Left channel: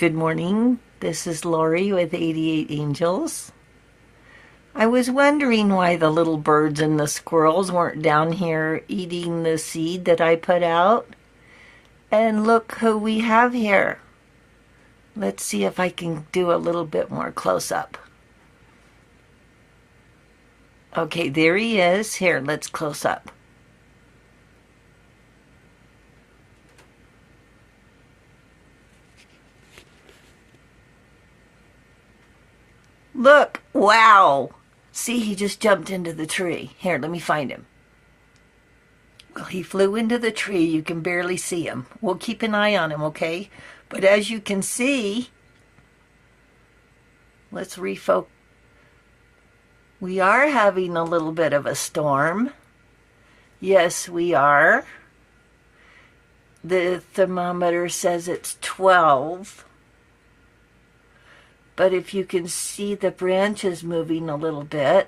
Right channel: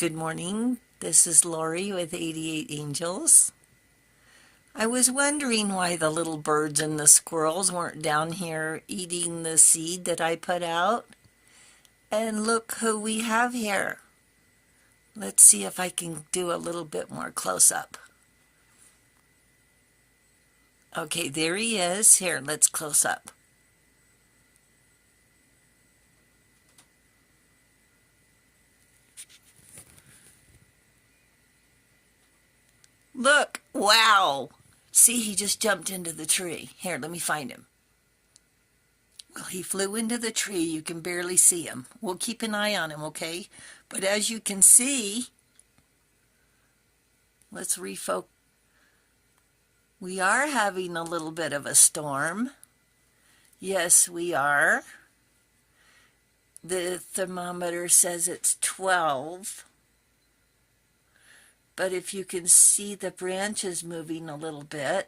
Good morning. This is Lori with 88 Angels. I was wondering why the little birds and the squirrels weren't down here eating the seed that I put out. And look who we have here. Let's see if I can do a little bit more close up. Okay, there he is. Here, let's close up. Look, wow. See, he just jumped into the tree. Here, let me find him. Well, he flew into the tree. You can barely see him. We'll keep an eye on him, okay? But as you can see, let's refocus. We are having a little bit of a storm. Yes, we are. The thermometer says it's 12. But if you can see the branches moving a little bit,